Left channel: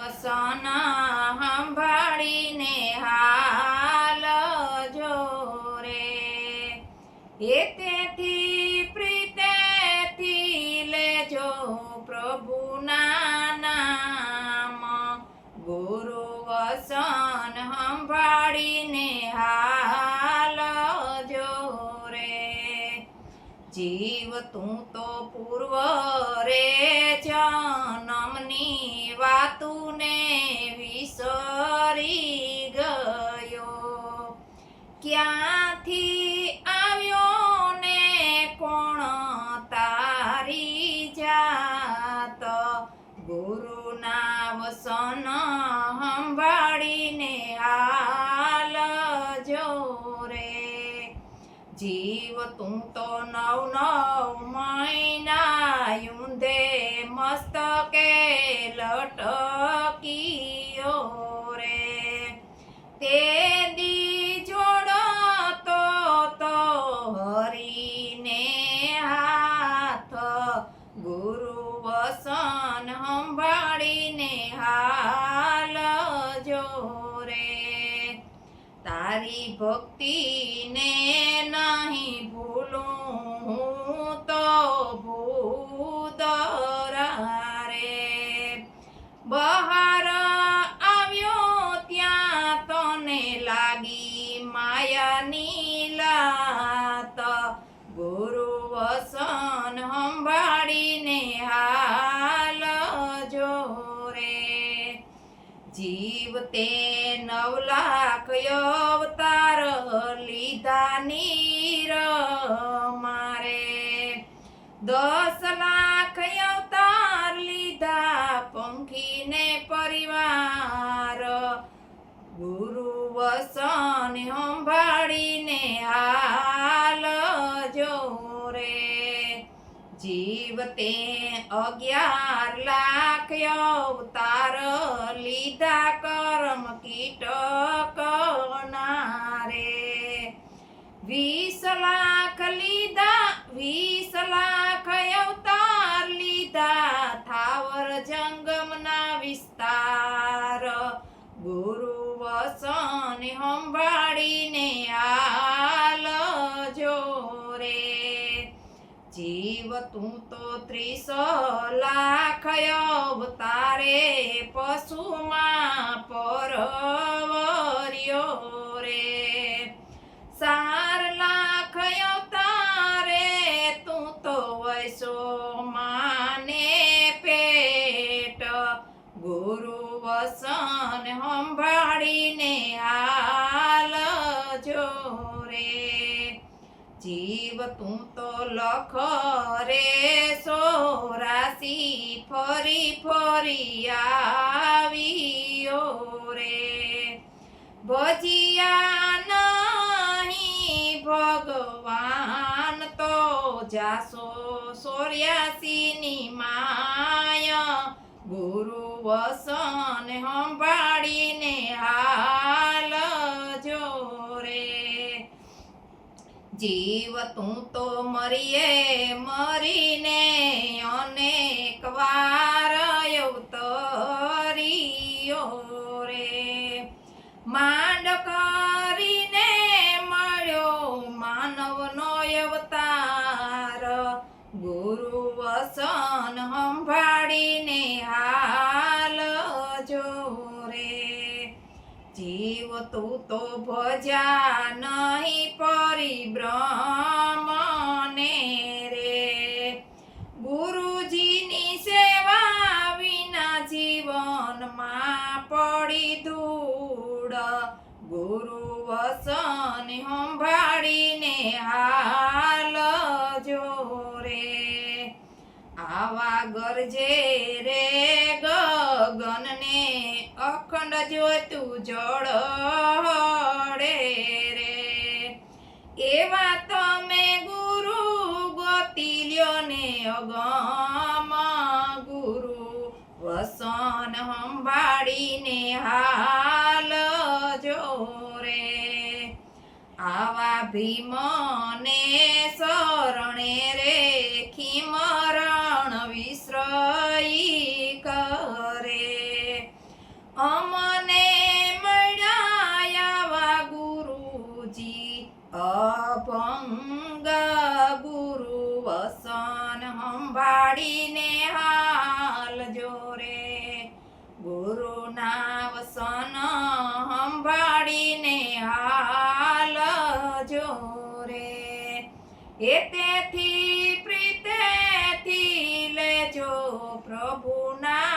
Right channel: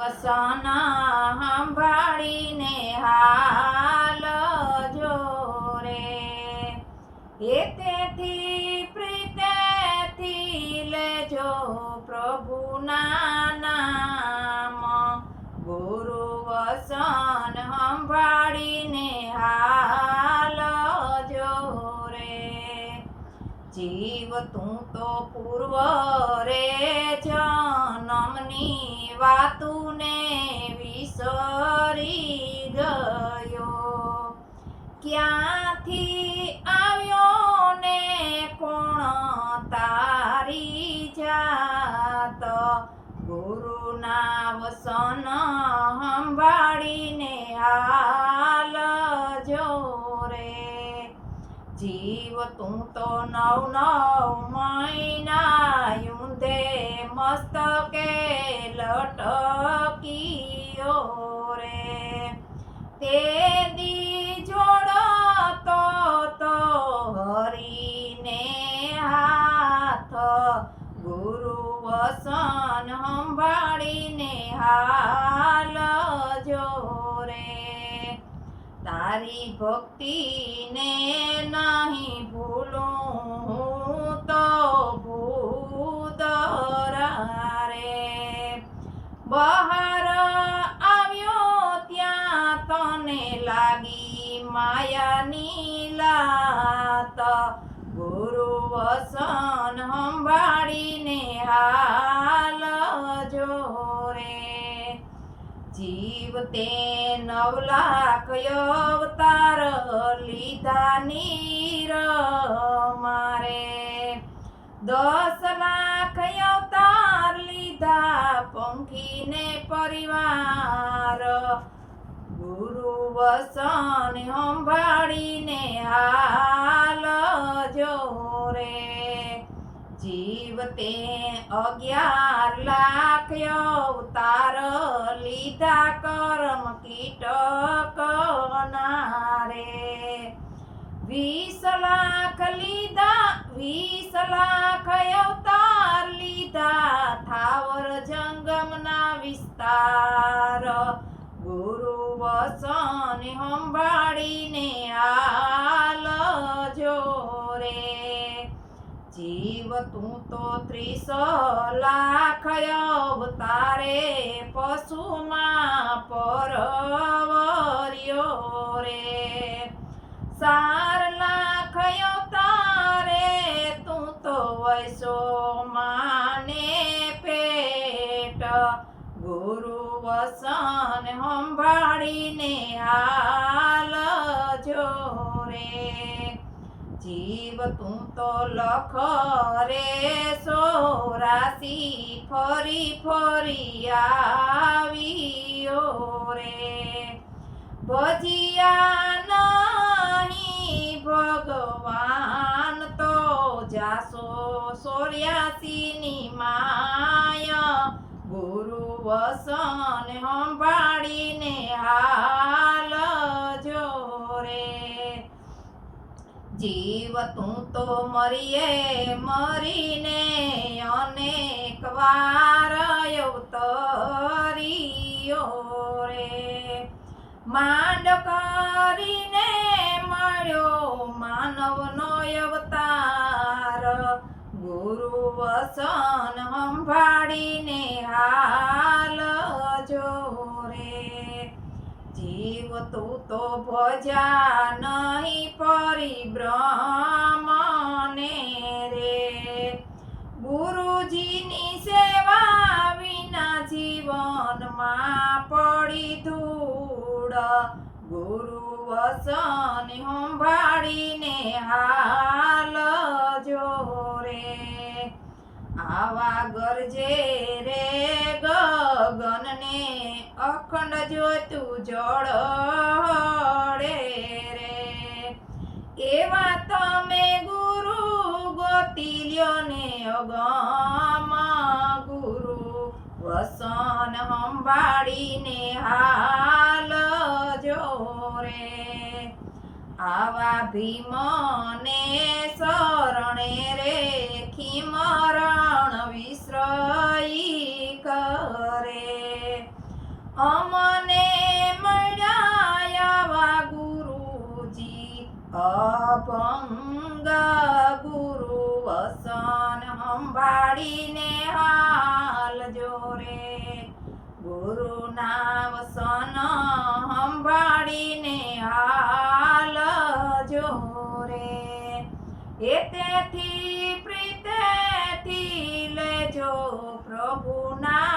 વસન સંભાળીને હાલજો રે તેથી પ્રીતેથી લેજો પ્રભુના નામ ગુરુ વસન સંભાળીને હાલજો રે જીવ તું તો પૂર્વ રે જન્મની વાતુને વિસરી ગયો ક્યાંથી આવ્યો ને કોણ તારી જાત ગુરુના વસન સંભાળીને હાલજો રે જીવ તું તો નવ મહિના ઊંધે મસ્તકે લટકીયો રે તે દી જોડતો તો હરીને હાથ ગુરુ વસન સંભાળીને હાલજો રે તારી ભક્તિને નહીં ભૂલું હું તો ભૂદરા રે બહાર આવ્યો ત્યાં તને લાગી માયાની લાત ગુરુ વસન સંભાળીને હાલજો રે જીવ તે 9 લાખ અવતાર લીધા નીર મારે 10 લાખ અવતાર લીધા પંખીને પરિવાર ગુરુ વસન સંભાળીને હાલજો રે જીવ તે 11 લાખ અવતાર લીધા કર્મ કીટકના રે 20 લાખ લીધા 20 લાખ અવતાર લીધા થાવર જંગમના વિસ્તાર ગુરુ વસન સંભાળીને હાલજો રે જીવ તું તો 30 લાખ અવતારે પશુમાં પરવર્યો રે 4 લાખ અવતારે તું તો વૈસો માને પેટ ગુરુ વસન સંભાળીને હાલજો રે જીવ તું તો લખ રે 84 ફરી ફરી આવ્યો રે ભજિયા નહીં ભગવાન તો જાસો 84 ની માયા ગુરુ વસન સંભાળીને હાલજો રે જીવ તું તો મરીને અનેક વાર અવતરીયો રે માંડ કરીને મળ્યો માનવનો અવતાર ગુરુ વસન સંભાળીને હાલજો રે જીવ તું તો ભજા નહીં પરિબ્રહ્મને રે ગુરુજીની સેવા વિના જીવનમાં પડી ધૂળ ગુરુ વસન સંભાળીને હાલજો રે આવા ગરજે રે ગગનને અખંડ જોતું જળહળે રે એવા તમે ગુરુ ગોતી લ્યો ને અગમ ગુરુ વસન સંભાળીને હાલજો રે આવા ભીમને શરણે રે ખીમરણ વિશ્રયી કરે અમને મળ્યા આવા ગુરુજી અભંગ ગુરુ વસન સંભાળીને હાલજો રે ગુરુના વસન સંભાળીને હાલજો રે એ તેથી પ્રીતેથી લેજો પ્રભુના